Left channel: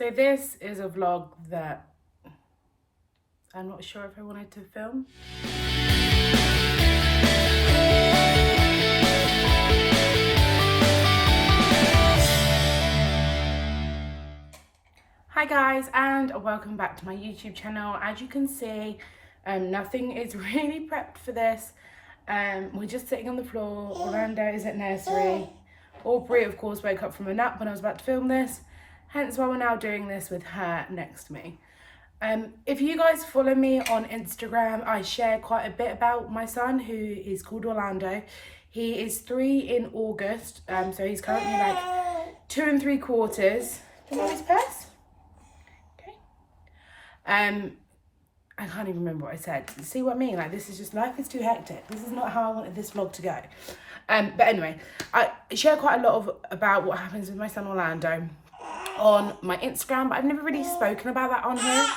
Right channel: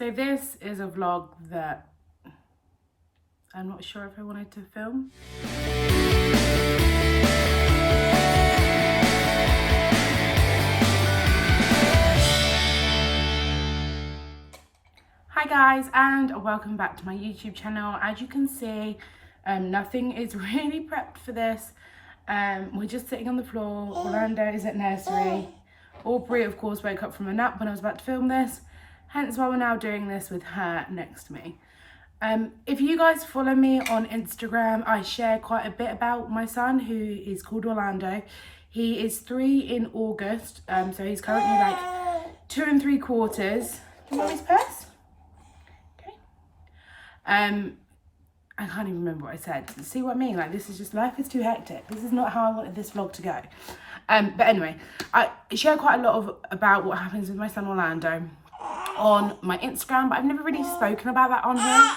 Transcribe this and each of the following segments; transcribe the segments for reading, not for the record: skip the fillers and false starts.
So this is a vlog that I'm not sure if I wanted to film. Hi guys, and welcome back to my YouTube channel. As you can see, nothing is really prepped for this. We're just sitting on the floor. Orlando is at nursery. Aubrey, of course, woke up from a nap when I was about to film this. Hence why we're now doing this with her next to me. If you guys follow me on Instagram, I share quite a bit about my son, who is called Orlando. He is 3 in August, so he's currently like 2 3/4. Do you want his purse? Okay. I can't even remember what I said. See what I mean? Like, this is just, life is too hectic. This is not how I wanted this vlog to go. But anyway, I share quite a lot about what happens with my son Orlando on my Instagram, but I've never really spoken about that on here.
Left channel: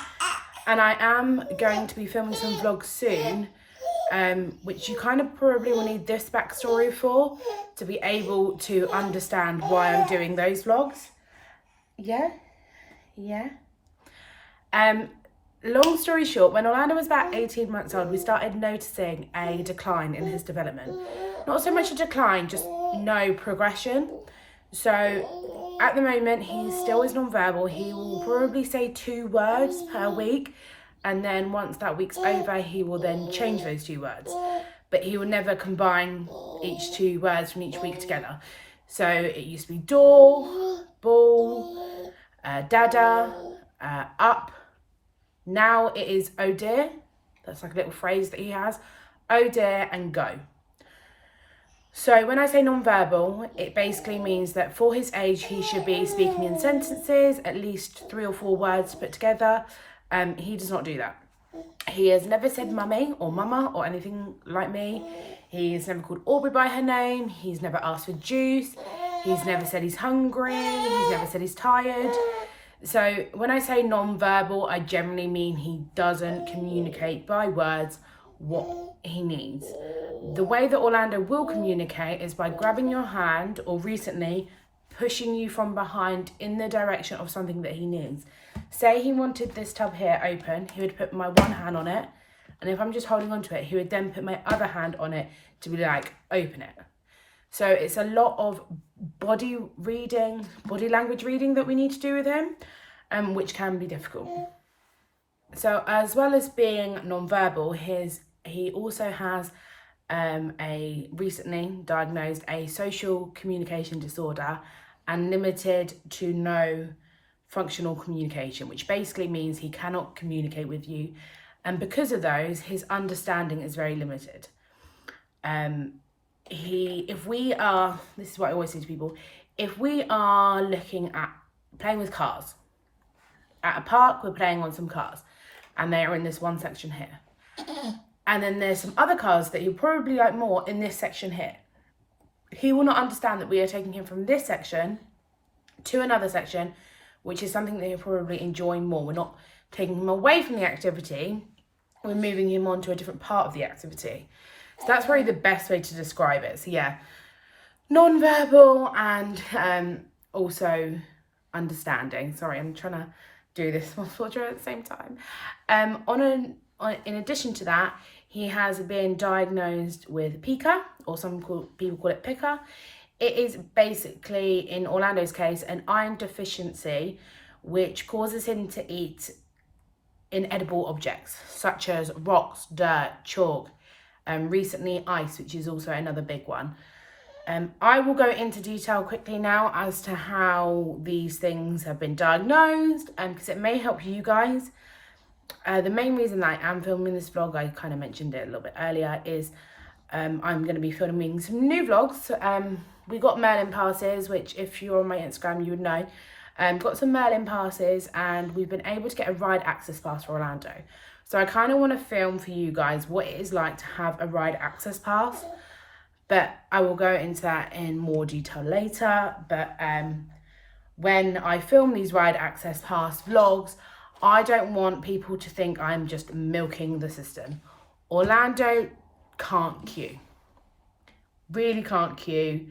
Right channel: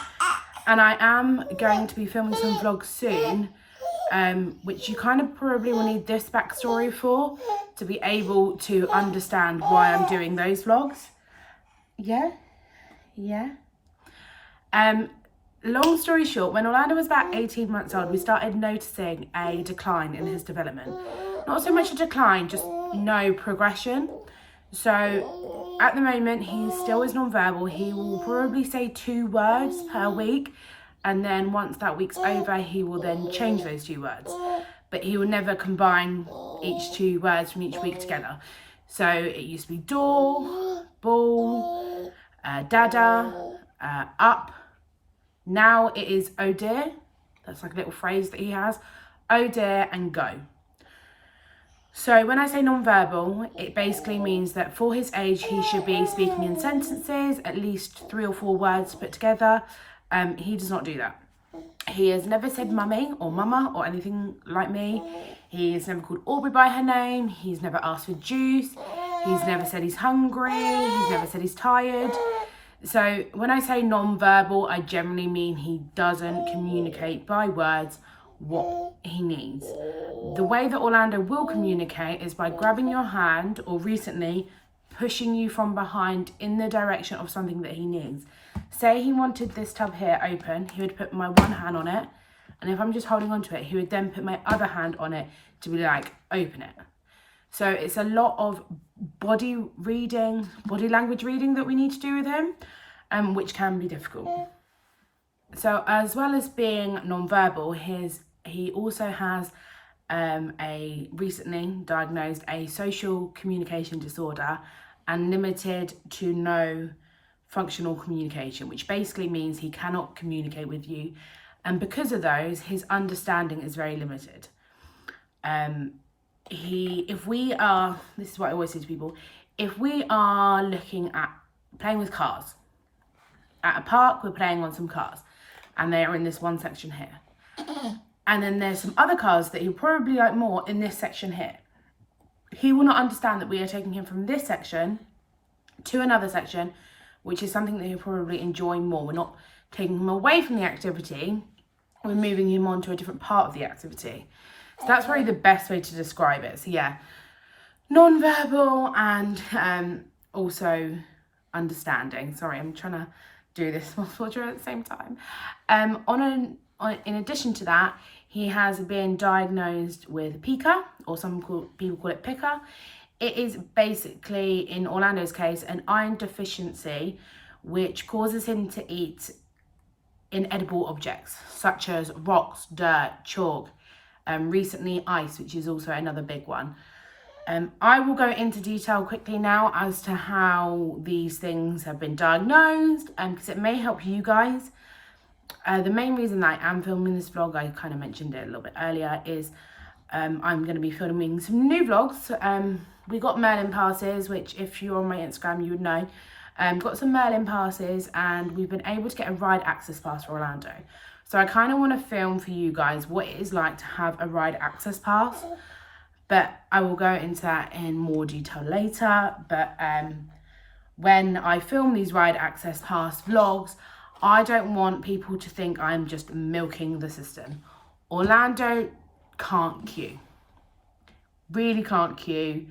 And I am going to be filming some vlogs soon, which you kind of probably will need this backstory for, to be able to understand why I'm doing those vlogs. Yeah. Long story short, when Orlando was about 18 months old, we started noticing a decline in his development. Not so much a decline, just no progression. So at the moment, he still is non-verbal. He will probably say 2 words per week. And then once that week's over, he will then change those 2 words. But he will never combine each 2 words from each week together. So it used to be door, ball, dada, up. Now it is oh dear. That's like a little phrase that he has. Oh dear and go. So when I say non-verbal, it basically means that for his age, he should be speaking in sentences, at least 3 or 4 words put together. He does not do that. He has never said mummy or mama or anything like me. He's never called Aubrey by her name. He's never asked for juice. He's never said he's hungry. He's never said he's tired. So when I say non-verbal, I generally mean he doesn't communicate by words what he needs. The way that Orlando will communicate is by grabbing your hand, or recently pushing you from behind in the direction of something that he needs. Say he wanted this tub here open, he would put my one hand on it, and if I'm just holding onto it, he would then put my other hand on it to be like, open it. So it's a lot of body language reading that we need to do with him, which can be difficult. So as well as being non-verbal, he also has a recently diagnosed a social communication disorder and limited to no functional communication, which basically means he cannot communicate with you. And because of those, his understanding is very limited. This is what I always say to people, if we are looking at playing with cars, at a park, we're playing on some cars, and they are in this one section here. And then there's some other cars that he'll probably like more in this section here. He will not understand that we are taking him from this section to another section, which is something that he'll probably enjoy more. We're not taking him away from the activity, we're moving him on to a different part of the activity. So that's probably the best way to describe it. So yeah, non-verbal and also understanding. Sorry, I'm trying to do this multiple at the same time. In addition to that, he has been diagnosed with pica, or people call it pica. It is basically, in Orlando's case, an iron deficiency, which causes him to eat inedible objects, such as rocks, dirt, chalk, recently ice, which is also another big one. I will go into detail quickly now as to how these things have been diagnosed, because it may help you guys. The main reason that I am filming this vlog, I kind of mentioned it a little bit earlier, is I'm going to be filming some new vlogs. We got Merlin passes, which if you're on my Instagram, you would know. Got some Merlin passes, and we've been able to get a ride access pass for Orlando. So I kind of want to film for you guys what it is like to have a ride access pass. But I will go into that in more detail later. But when I film these ride access pass vlogs, I don't want people to think I'm just milking the system. Orlando can't queue. Really can't queue.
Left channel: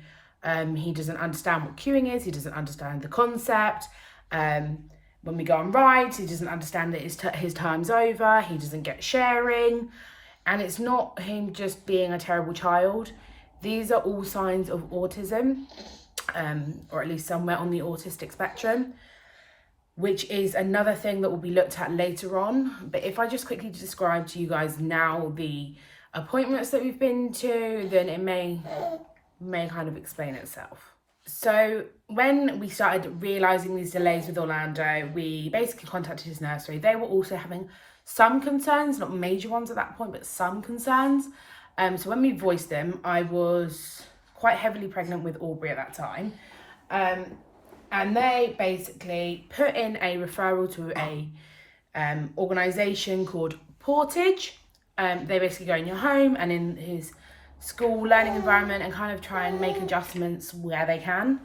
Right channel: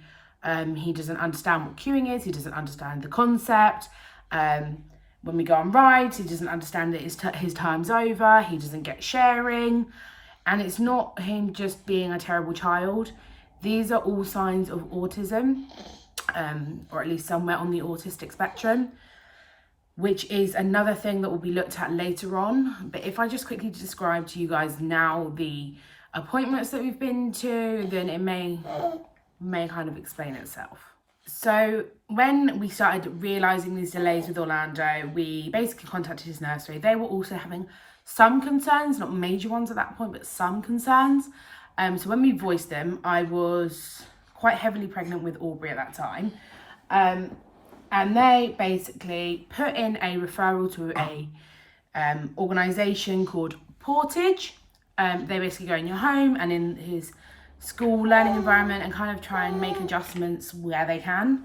He doesn't understand what queuing is. He doesn't understand the concept. When we go on rides, he doesn't understand that his time's over. He doesn't get sharing. And it's not him just being a terrible child. These are all signs of autism, or at least somewhere on the autistic spectrum, which is another thing that will be looked at later on. But if I just quickly describe to you guys now the appointments that we've been to, then it may kind of explain itself. So when we started realising these delays with Orlando, we basically contacted his nursery. They were also having some concerns, not major ones at that point, but some concerns. So when we voiced them, I was quite heavily pregnant with Aubrey at that time. And they basically put in a referral to a organisation called Portage. They basically go in your home and in his school learning environment and kind of try and make adjustments where they can.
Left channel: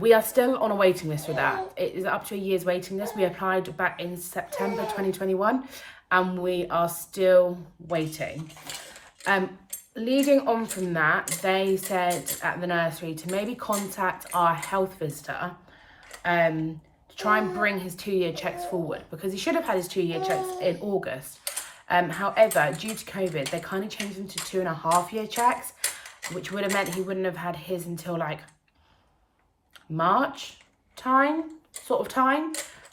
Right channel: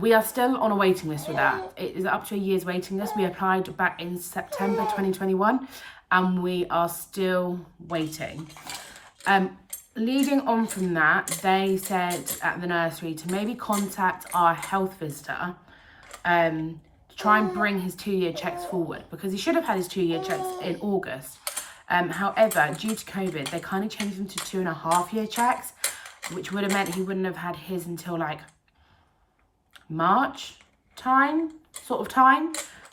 We are still on a waiting list for that. It is up to a year's waiting list. We applied back in September 2021 and we are still waiting. Leading on from that, they said at the nursery to maybe contact our health visitor to try and bring his 2-year checks forward, because he should have had his 2-year checks in August. However, due to COVID, they kind of changed them to 2.5-year checks, which would have meant he wouldn't have had his until like March time.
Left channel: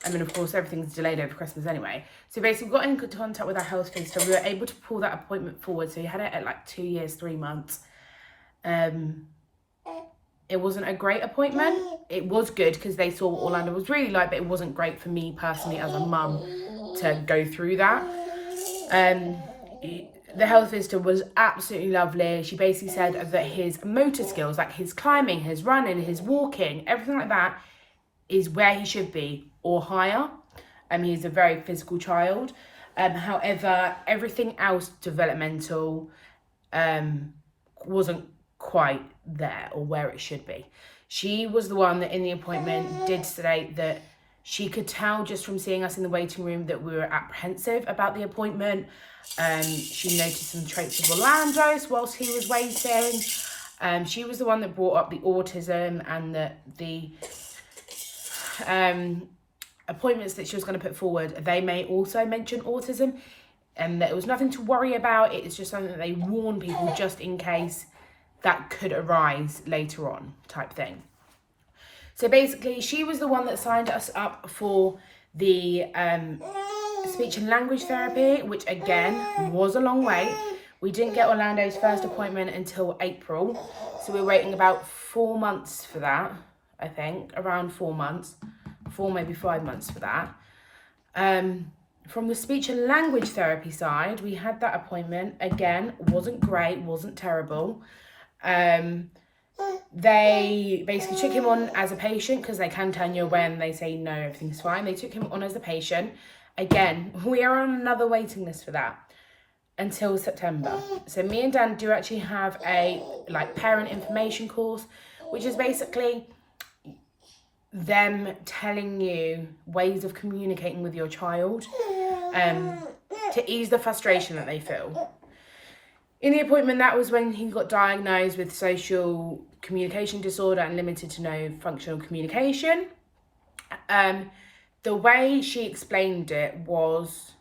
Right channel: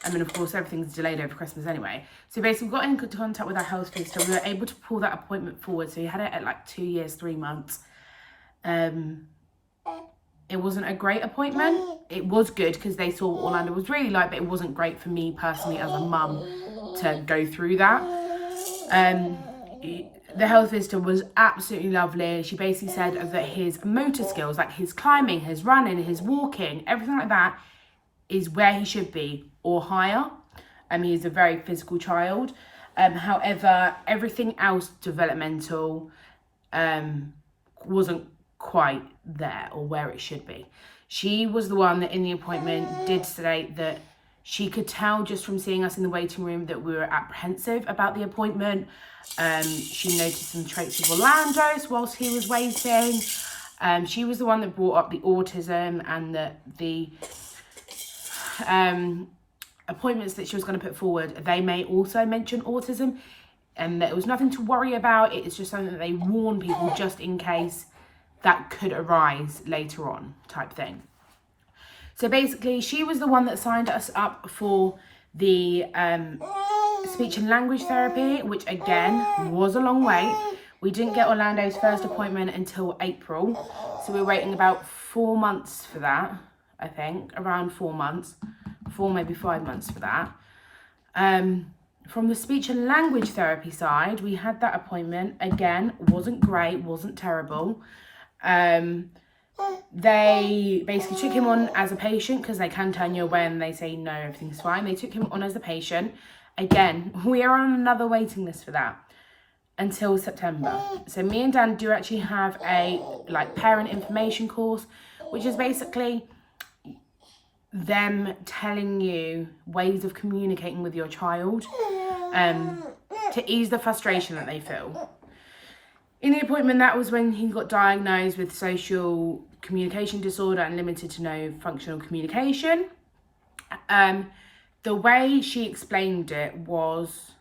And then of course everything's delayed over Christmas anyway. So basically we got in contact with our health visitor. We were able to pull that appointment forward. So he had it at like 2 years, 3 months. It wasn't a great appointment. It was good because they saw what Orlando was really like, but it wasn't great for me personally as a mum to go through that. The health visitor was absolutely lovely. She basically said that his motor skills, like his climbing, his running, his walking, everything like that, is where he should be or higher. He's a very physical child. However, everything else developmental wasn't quite there or where it should be. She was the one that in the appointment did state that she could tell just from seeing us in the waiting room that we were apprehensive about the appointment. She noticed some traits of Orlando's whilst he was waiting. She was the one that brought up the autism and the appointments that she was going to put forward. They may also mention autism, and there was nothing to worry about. It's just something that they warn people just in case that could arise later on, type thing. So basically, she was the one that signed us up for the speech and language therapy, which again was a long wait. We didn't get Orlando's first appointment until April, so we're waiting about 4 months for that. I think around 4 months, 4 maybe 5 months for that. From the speech and language therapy side, we had that appointment. Again, wasn't great, wasn't terrible. They basically took him on as a patient because they can turn you away and they say no, everything's fine. They took him on as a patient. Again, we are on another waiting list for that until September. So me and Dan do actually have a parent information course, which is basically them telling you ways of communicating with your child to ease the frustration that they feel. In the appointment, that was when he got diagnosed with social communication disorder and limited to no functional communication. The way she explained it was,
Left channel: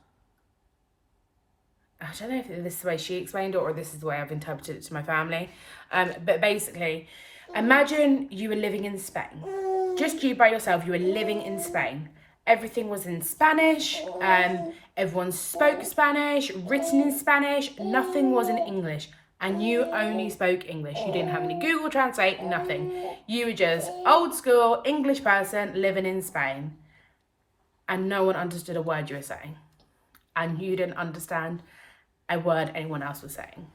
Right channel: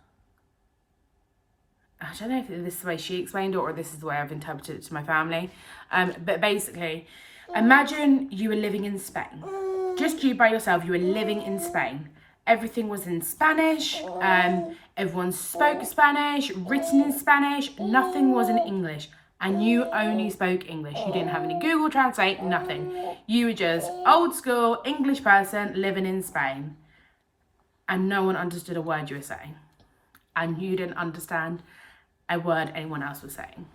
I don't know if this is the way she explained it or this is the way I've interpreted it to my family. But basically, imagine you were living in Spain. Just you by yourself, you were living in Spain. Everything was in Spanish. Everyone spoke Spanish, written in Spanish. Nothing was in English. And you only spoke English. You didn't have any Google Translate, nothing. You were just old school English person living in Spain. And no one understood a word you were saying. And you didn't understand a word anyone else was saying.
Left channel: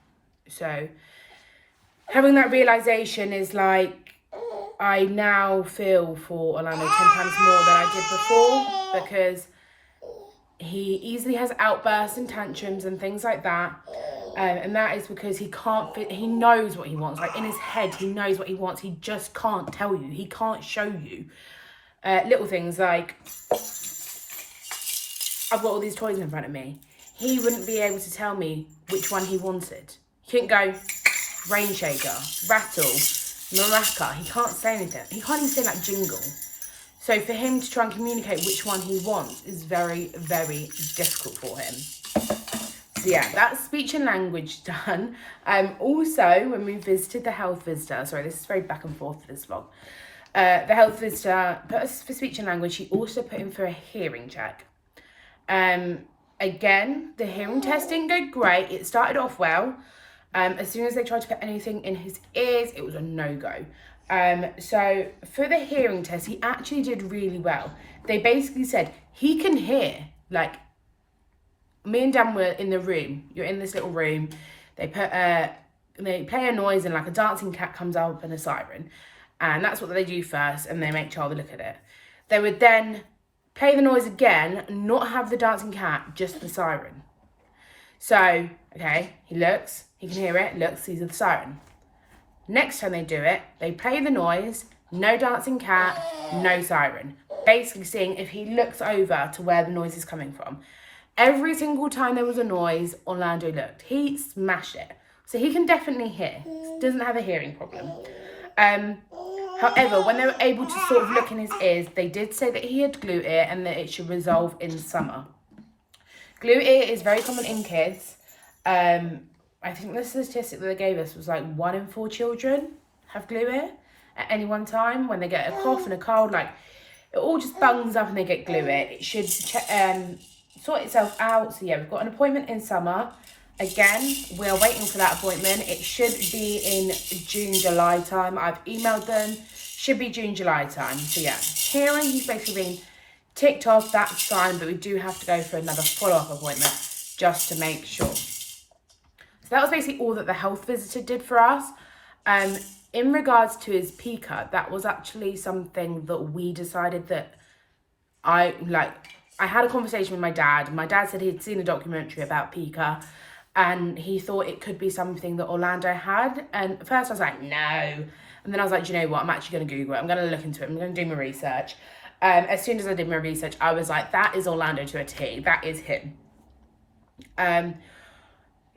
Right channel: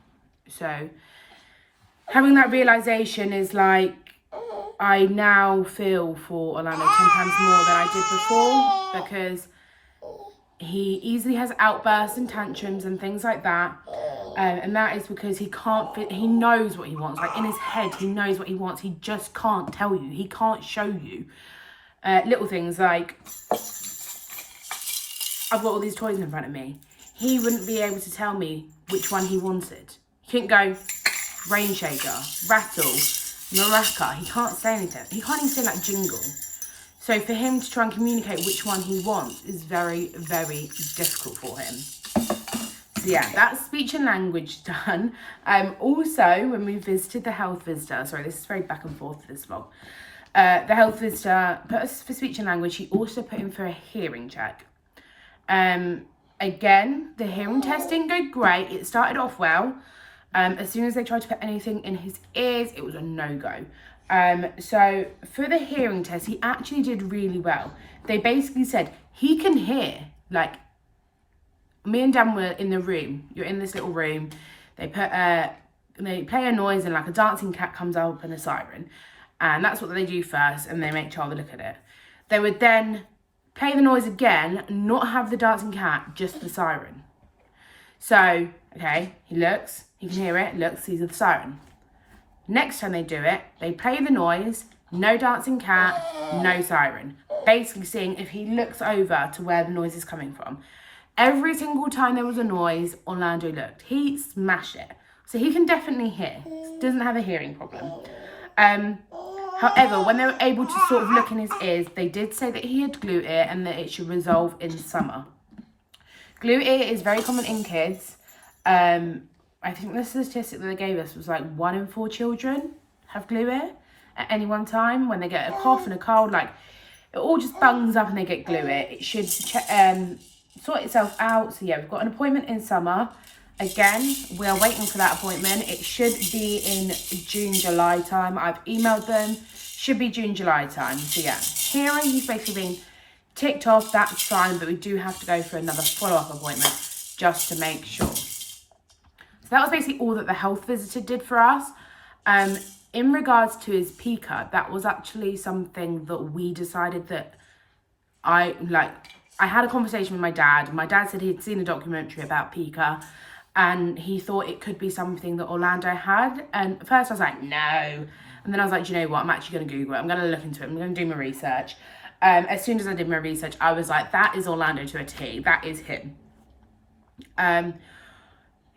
So having that realization is like, I now feel for Orlando 10 times more than I did before, because he easily has outbursts and tantrums and things like that. And that is because he knows what he wants. Like in his head, he knows what he wants. He just can't tell you. He can't show you. Little things like, I've got all these toys in front of me. He wouldn't be able to tell me which one he wanted. He couldn't go rain shaker, rattle, maraca. He can't say anything. He can't even say like jingle. So for him to try and communicate which one he wants is very, very difficult for him. So yeah, that's speech and language done. Also, when we visited the health visitor, sorry, this is very back and forth for this vlog. The health visitor put us for speech and language. He also put him for a hearing check. Again, the hearing test didn't go great. It started off well. As soon as they tried to put anything in his ears, it was a no-go. So for the hearing test, he actually did really well. They basically said he can hear. Like, me and Dan were in the room. You're in this little room. They play a noise and like a dancing cat comes up and a siren. And that's what they do first, and they make Charlie look at it. They would then play the noise again, not have the dancing cat, just the siren. So, okay, he looks, he can hear it, looks, sees the siren. Next time they do it, they play the noise, no dancing cat, no siren. Basically seeing if he looks over to where the noise is coming from. Every single time there was a noise, Orlando looked. He smashed it. So he can definitely hear. Doesn't have a hearing problem. However, when they were able to sort of look in his ears, they did say that he had glue ear and that it should resolve in summer. Glue ear is very common in kids. I think the statistic that they gave us was like 1 in 4 children have glue ear at any one time. When they get a cough and a cold, like it all just bungs up and they get glue ear. It should sort itself out. So yeah, we've got an appointment in summer. Again, we are waiting for that appointment. It should be in June, July time. I've emailed them. Should be June, July time. So yeah, hearing, he's basically been ticked off. That's fine, but we do have to go for another follow-up appointment just to make sure. So that was basically all that the health visitor did for us. In regards to his PICA, that was actually something that we decided that I had a conversation with my dad. My dad said he'd seen a documentary about PICA and he thought it could be something that Orlando had. And at first I was like, no. And then I was like, do you know what? I'm actually going to Google it. I'm going to look into it. I'm going to do my research. As soon as I did my research, I was like, that is Orlando to a T. That is him.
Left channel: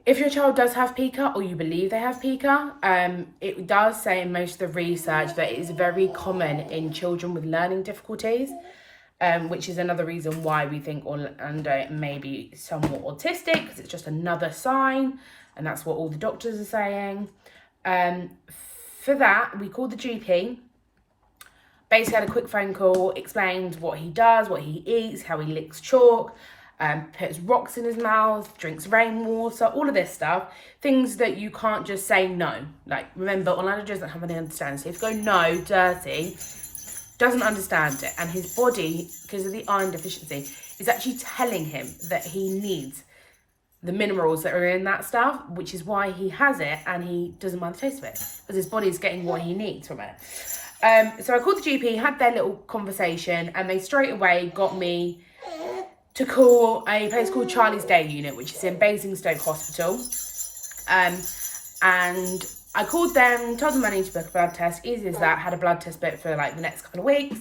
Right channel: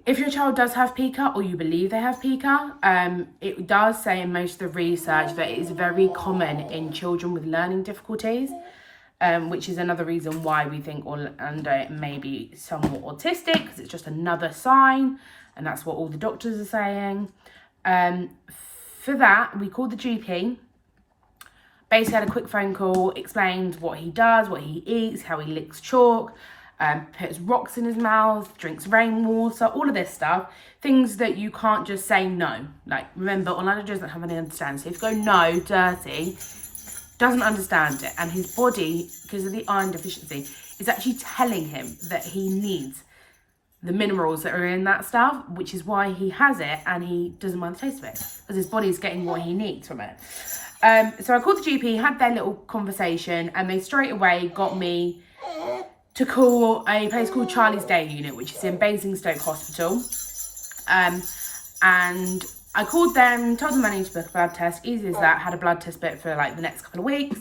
If your child does have PICA or you believe they have PICA, it does say in most of the research that it is very common in children with learning difficulties. Which is another reason why we think Orlando may be somewhat autistic, because it's just another sign, and that's what all the doctors are saying. For that, we called the GP, basically had a quick phone call, explained what he does, what he eats, how he licks chalk, puts rocks in his mouth, drinks rainwater, all of this stuff, things that you can't just say no. Like, remember, Orlando doesn't have any understanding, so if you go no, dirty, doesn't understand it, and his body, because of the iron deficiency, is actually telling him that he needs the minerals that are in that stuff, which is why he has it and he doesn't mind the taste of it, because his body's getting what he needs from it. So I called the GP, had their little conversation, and they straight away got me to call a place called Charlie's Day Unit, which is in Basingstoke Hospital. And I called them, told them I need to book a blood test, easy as that, had a blood test booked for like the next couple of weeks,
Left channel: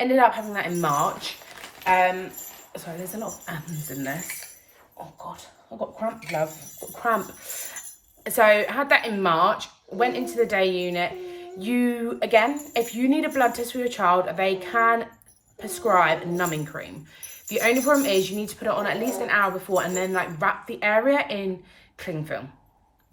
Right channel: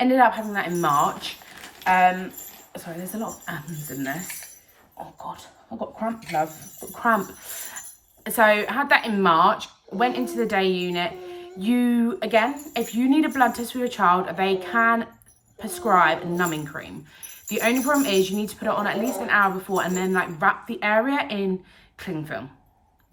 ended up having that in March. Sorry, there's a lot of ands in this. Oh God, I've got cramp, love, I've got cramp. So I had that in March, went into the day unit. Again, if you need a blood test for your child, they can prescribe numbing cream. The only problem is you need to put it on at least an hour before and then like wrap the area in cling film.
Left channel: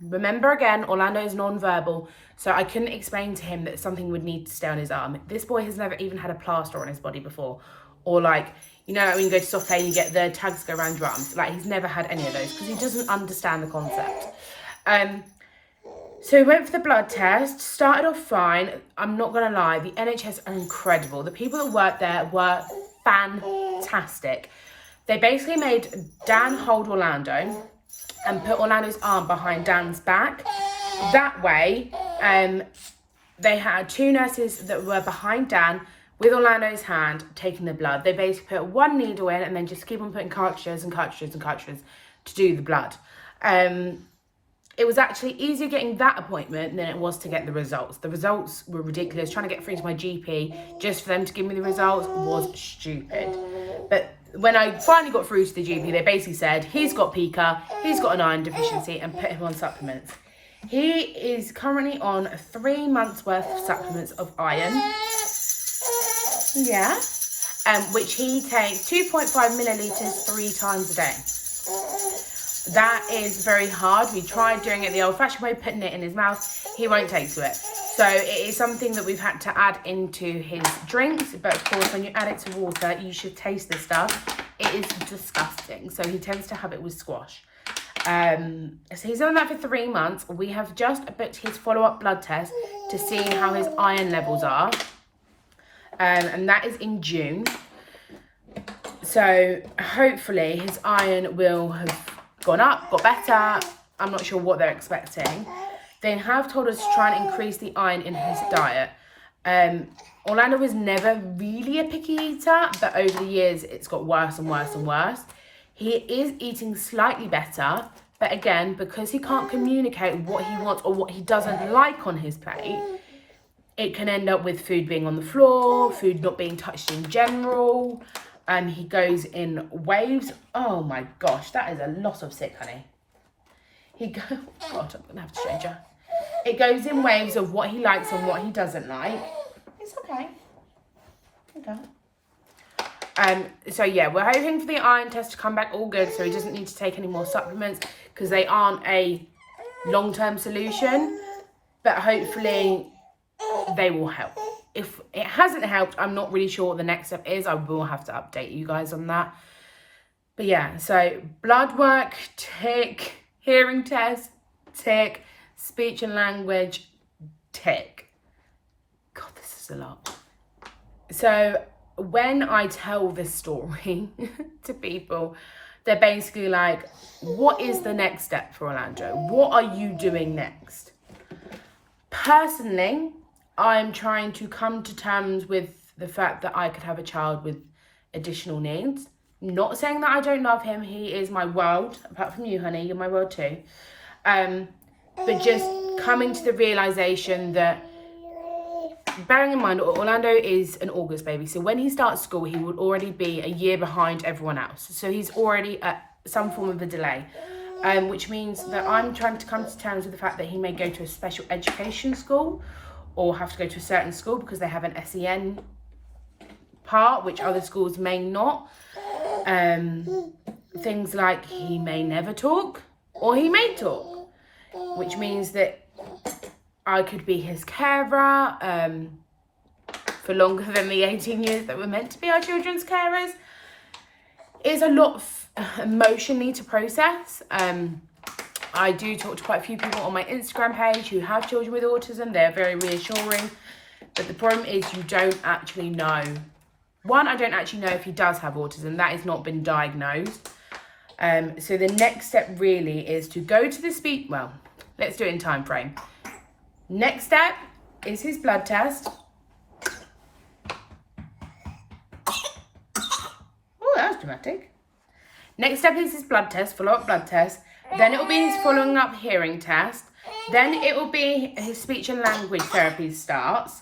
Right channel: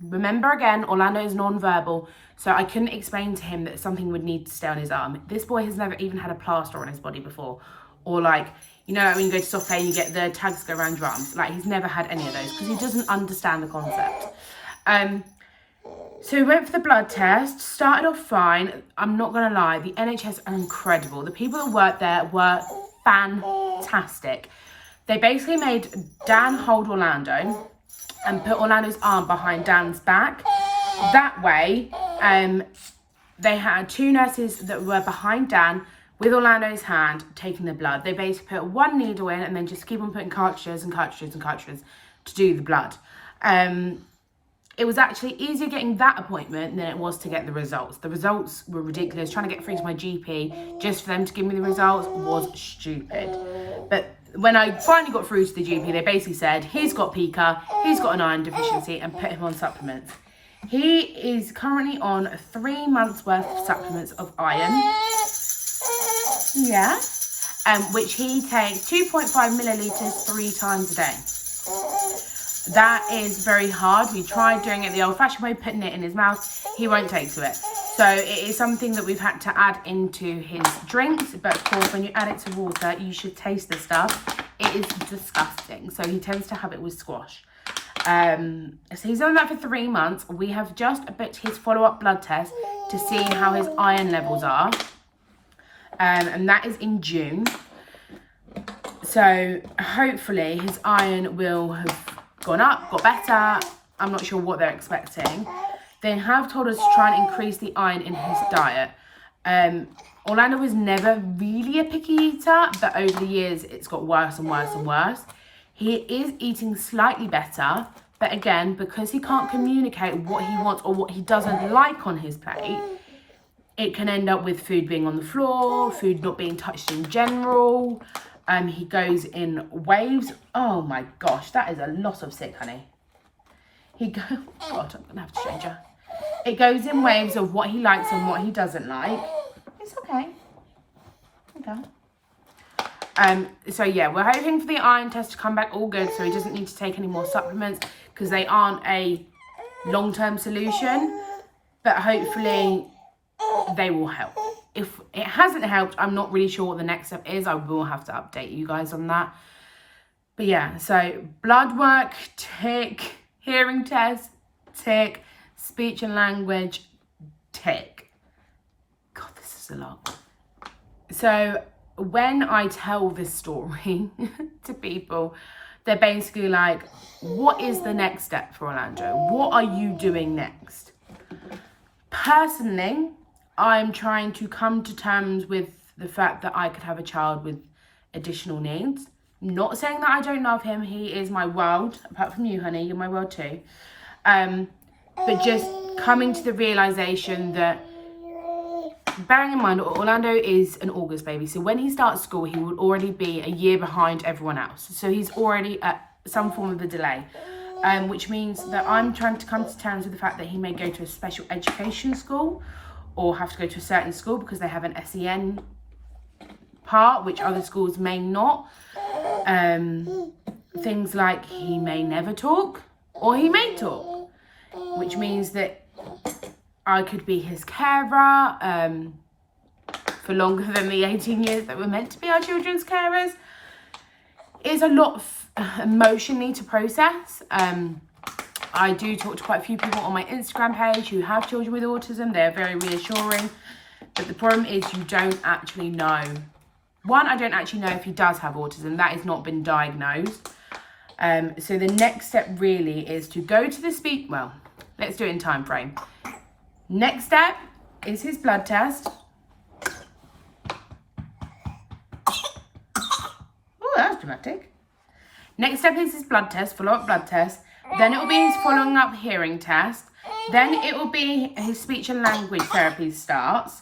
Remember again, Orlando is non-verbal, so I couldn't explain to him that something would need to stay on his arm. This boy has never even had a plaster on his body before. Or like, you know, when you go to soft play, you get the tags go around your arms. Like, he's never had any of those because he doesn't understand the concept. So we went for the blood test, started off fine. I'm not going to lie, the NHS are incredible. The people that work there were fantastic. They basically made Dan hold Orlando and put Orlando's arm behind Dan's back. That way, they had 2 nurses that were behind Dan with Orlando's hand taking the blood. They basically put 1 needle in and then just keep on putting cartridges and cartridges and cartridges to do the blood. It was actually easier getting that appointment than it was to get the results. The results were ridiculous. Trying to get through to my GP just for them to give me the results was stupid. But when I finally got through to the GP, they basically said, he's got PICA, he's got an iron deficiency, and put him on supplements. He is currently on 3 months worth of supplements of iron. Yeah. Which he takes 2.5 millilitres 3 times a day. That is very hard. We tried doing it the old-fashioned way, putting it in his mouth. He won't take to it. So it is something that we've had to add into his drinks. But of course, when you add it to water, you should taste the stuff. It is disgusting. So he tends to have it with squash. So he's done that for 3 months. We have just booked his follow-up blood test to see how his iron levels are. And that is in June. So hopefully his iron will have gone up, got better. I'm not sure what they're expecting. They have told us to try and increase the iron in his diet. Orlando was never really a picky eater, but over the years it's got worse and worse and worse. He is eating slightly better, but again, because he can't communicate what he wants or what he doesn't like on his plate, it can end up with food being on the floor, food not being touched in general. He goes in waves. Oh my gosh, that is a lot of sick, honey. God, I'm gonna have to change her. It goes in waves of what he likes and what he doesn't like. It's okay. Okay. So yeah, we're hoping for the iron test to come back all good, so he doesn't need to take any more supplements because they aren't a long-term solution. But hopefully they will help. If it hasn't helped, I'm not really sure what the next step is. I will have to update you guys on that. But yeah, so blood work, tick. Hearing test, tick. Speech and language, tick. God, this is a lot. So when I tell this story to people, they're basically like, what is the next step for Orlando? What are you doing next? Personally, I'm trying to come to terms with the fact that I could have a child with additional needs. Not saying that I don't love him. He is my world. Apart from you, honey, you're my world too. But just coming to the realisation that, bearing in mind, Orlando is an August baby. So when he starts school, he will already be a year behind everyone else. So he's already at some form of a delay. Which means that I'm trying to come to terms with the fact that he may go to a special education school or have to go to a certain school because they have an SEN part, which other schools may not. Things like he may never talk or he may talk, which means that I could be his carer for longer than the 18 years that we're meant to be our children's carers. It's a lot emotionally to process. I do talk to quite a few people on my Instagram page who have children with autism. They're very reassuring. But the problem is you don't actually know. One, I don't actually know if he does have autism. That has not been diagnosed. So the next step really is to go to the speech. Well, let's do it in time frame. Next step is his blood test. Oh, that was dramatic. Next step is his blood test, follow-up blood test. Then it will be his following up hearing test. Then it will be his speech and language therapy starts.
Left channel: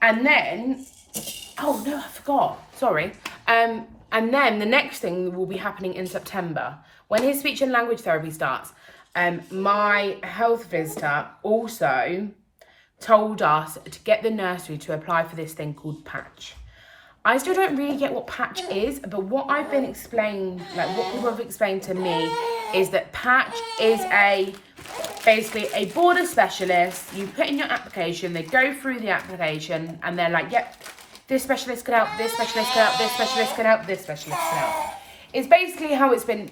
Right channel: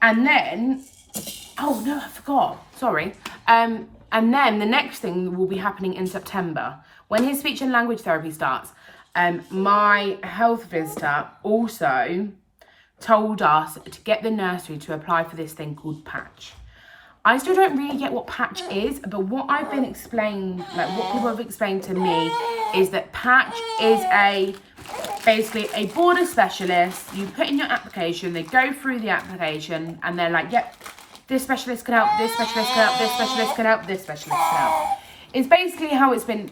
And then, oh no, I forgot. Sorry. And then the next thing will be happening in September when his speech and language therapy starts. My health visitor also told us to get the nursery to apply for this thing called patch. I still don't really get what patch is, but what I've been explained, like what people have explained to me, is that patch is basically a border specialist. You put in your application, they go through the application, and they're like, yep, this specialist can help, this specialist can help, this specialist can help, this specialist can help. It's basically how it's been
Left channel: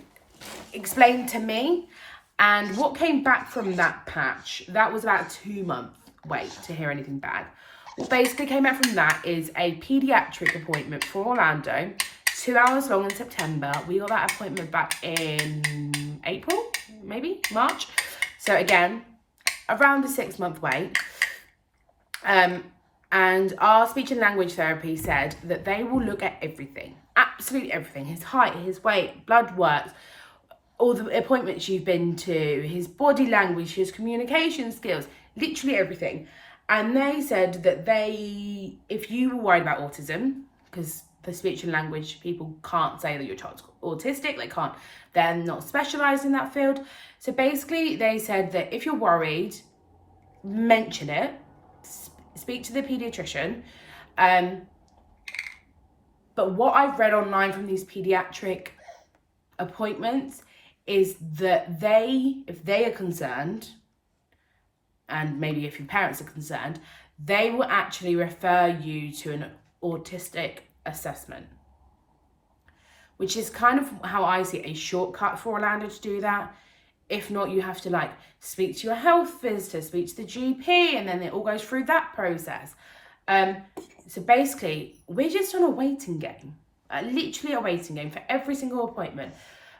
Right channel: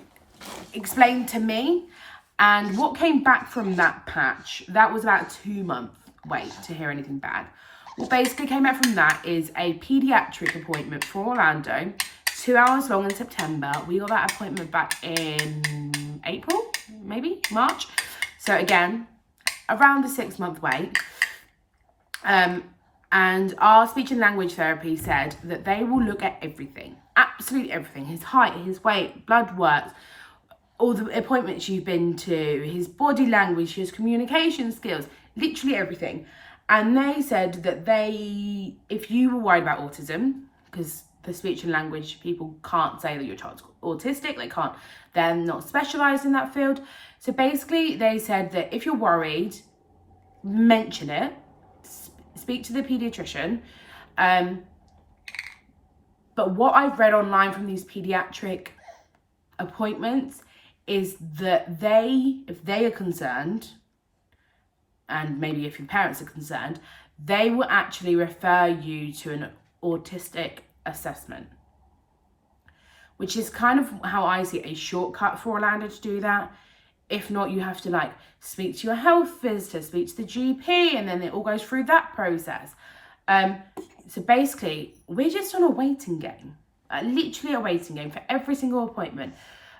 explained to me. And what came back from that patch, that was about a 2-month wait to hear anything back. What basically came out from that is a paediatric appointment for Orlando, 2 hours long in September. We got that appointment back in April, maybe March. So again, around a 6-month wait. And our speech and language therapy said that they will look at everything, absolutely everything. His height, his weight, blood work, all the appointments you've been to, his body language, his communication skills, literally everything. And they said that if you were worried about autism, because the speech and language people can't say that your child's autistic, they're not specialised in that field. So basically they said that if you're worried, mention it, speak to the paediatrician, But what I've read online from these pediatric appointments is that if they are concerned, and maybe if your parents are concerned, they will actually refer you to an autistic assessment, which is kind of how I see it, a shortcut for Orlando to do that. If not, you have to like speak to your health visitor, speak to the GP, and then it all goes through that process. So basically, we're just on a waiting game, literally a waiting game for every single appointment.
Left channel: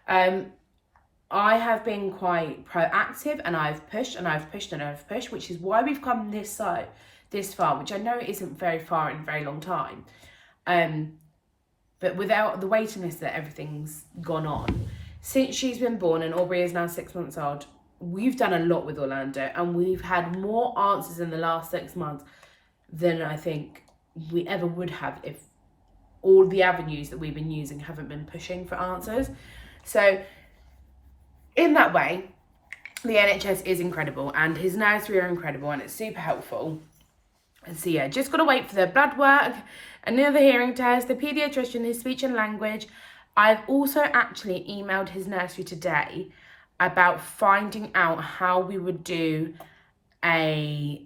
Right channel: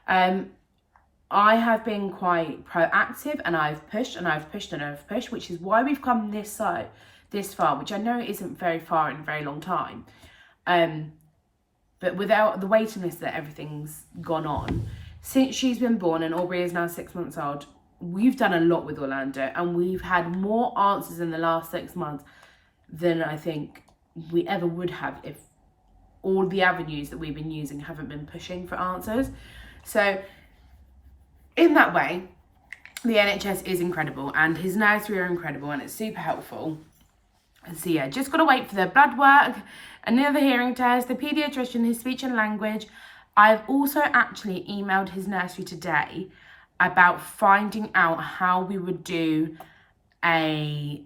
I have been quite proactive, and I've pushed and I've pushed and I've pushed, which is why we've come this far, which I know isn't very far in a very long time. But without the waiting list that everything's gone on, since she's been born and Aubrey is now 6 months old, we've done a lot with Orlando, and we've had more answers in the last 6 months than I think we ever would have if all the avenues that we've been using haven't been pushing for answers. So in that way, the NHS is incredible, and his nursery are incredible, and it's super helpful. And so yeah, just got to wait for the blood work, another hearing test, the paediatrician, his speech and language. I've also actually emailed his nursery today about finding out how we would do I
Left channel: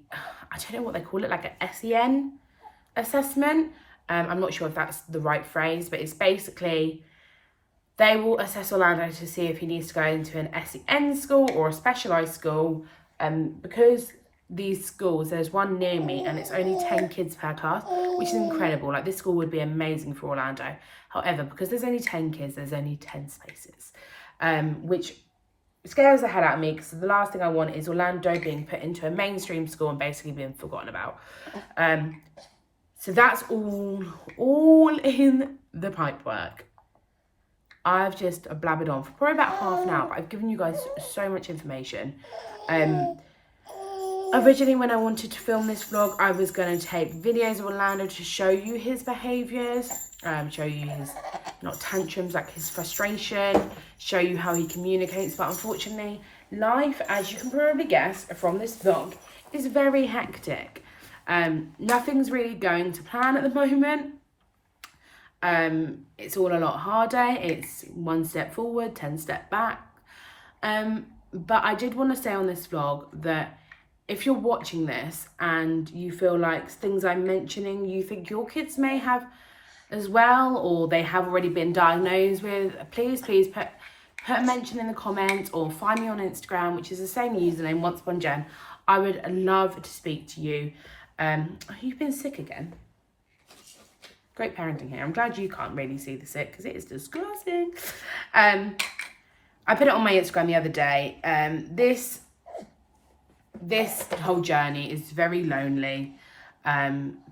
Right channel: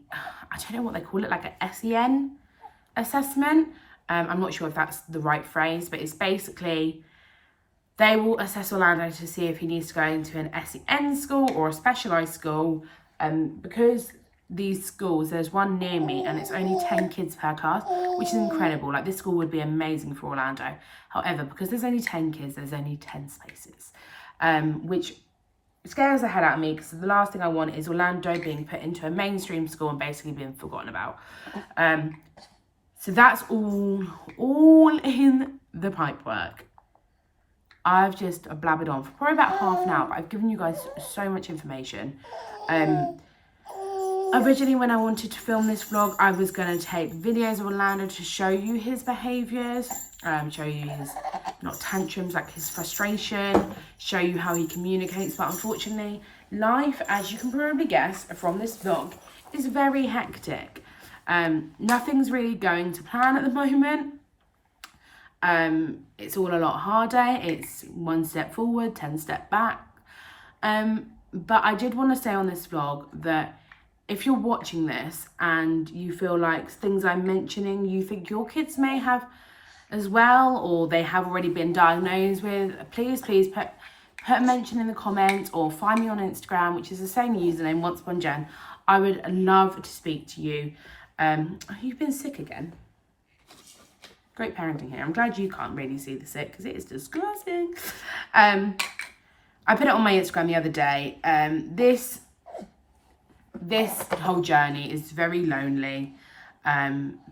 don't know what they call it, like a SEN assessment. I'm not sure if that's the right phrase, but it's basically they will assess Orlando to see if he needs to go into an SEN school or a specialised school. Because these schools, there's one near me and it's only 10 kids per class, which is incredible. Like, this school would be amazing for Orlando. However, because there's only 10 kids, there's only 10 spaces, which scares the head out of me, because the last thing I want is Orlando being put into a mainstream school and basically being forgotten about. So that's all in the pipework. I've just blabbered on for probably about half an hour, but I've given you guys so much information. Originally, when I wanted to film this vlog, I was going to take videos of Orlando to show you his behaviours, show you his, not tantrums, like his frustration, show you how he communicates. But unfortunately, life, as you can probably guess from this vlog, is very hectic. Nothing's really going to plan at the moment. It's all a lot harder. It's 1 step forward, 10 steps back. But I did want to say on this vlog that if you're watching this and you feel like things I'm mentioning, you think your kids may have as well, or they have already been diagnosed with, please put a mention in the comments, or find me on Instagram, which is the same username, Once Upon Jen. I would love to speak to you. You've been sick again. Great parenting here. I'm glad you can't really see the sick, because it is disgusting. I put it on my Instagram the other day. This whole journey is very lonely.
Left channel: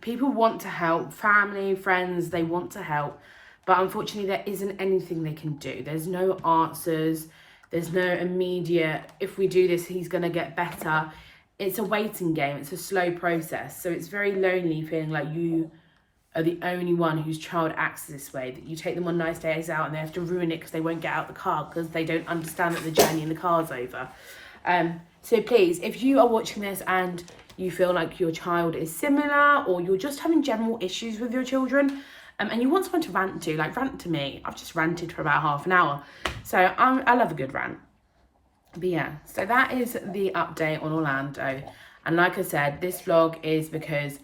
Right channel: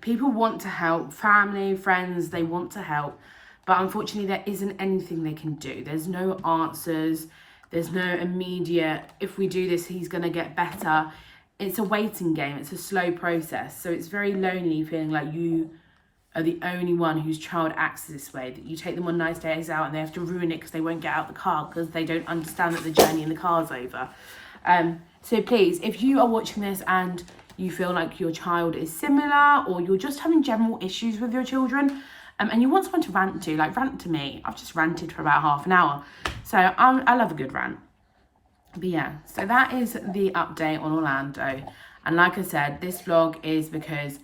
People want to help, family, friends, they want to help, but unfortunately there isn't anything they can do. There's no answers. There's no immediate, if we do this, he's going to get better. It's a waiting game. It's a slow process. So it's very lonely feeling like you are the only one whose child acts this way, that you take them on nice days out and they have to ruin it because they won't get out the car because they don't understand that the journey in the car's over. So please, if you are watching this and you feel like your child is similar, or you're just having general issues with your children, and you want someone to rant to, like rant to me. I've just ranted for about half an hour. So I love a good rant. But yeah, so that is the update on Orlando. And like I said, this vlog is because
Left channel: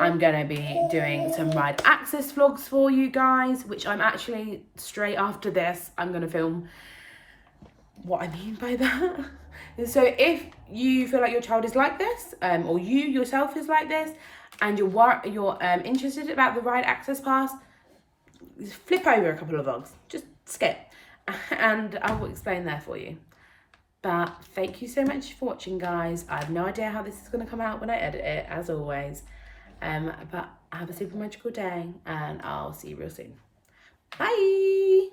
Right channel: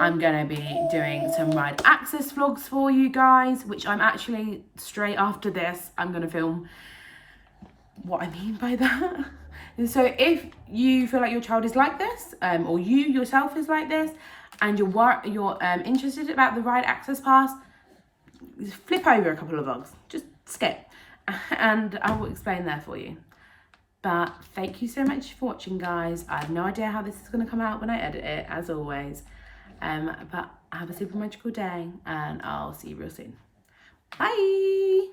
I'm going to be doing some ride access vlogs for you guys, which I'm actually, straight after this, I'm going to film what I mean by that. And so if you feel like your child is like this, or you yourself is like this, and you're interested about the ride access pass, flip over a couple of vlogs, just skip, and I will explain there for you. But thank you so much for watching, guys. I have no idea how this is going to come out when I edit it, as always. But have a super magical day, and I'll see you real soon. Bye.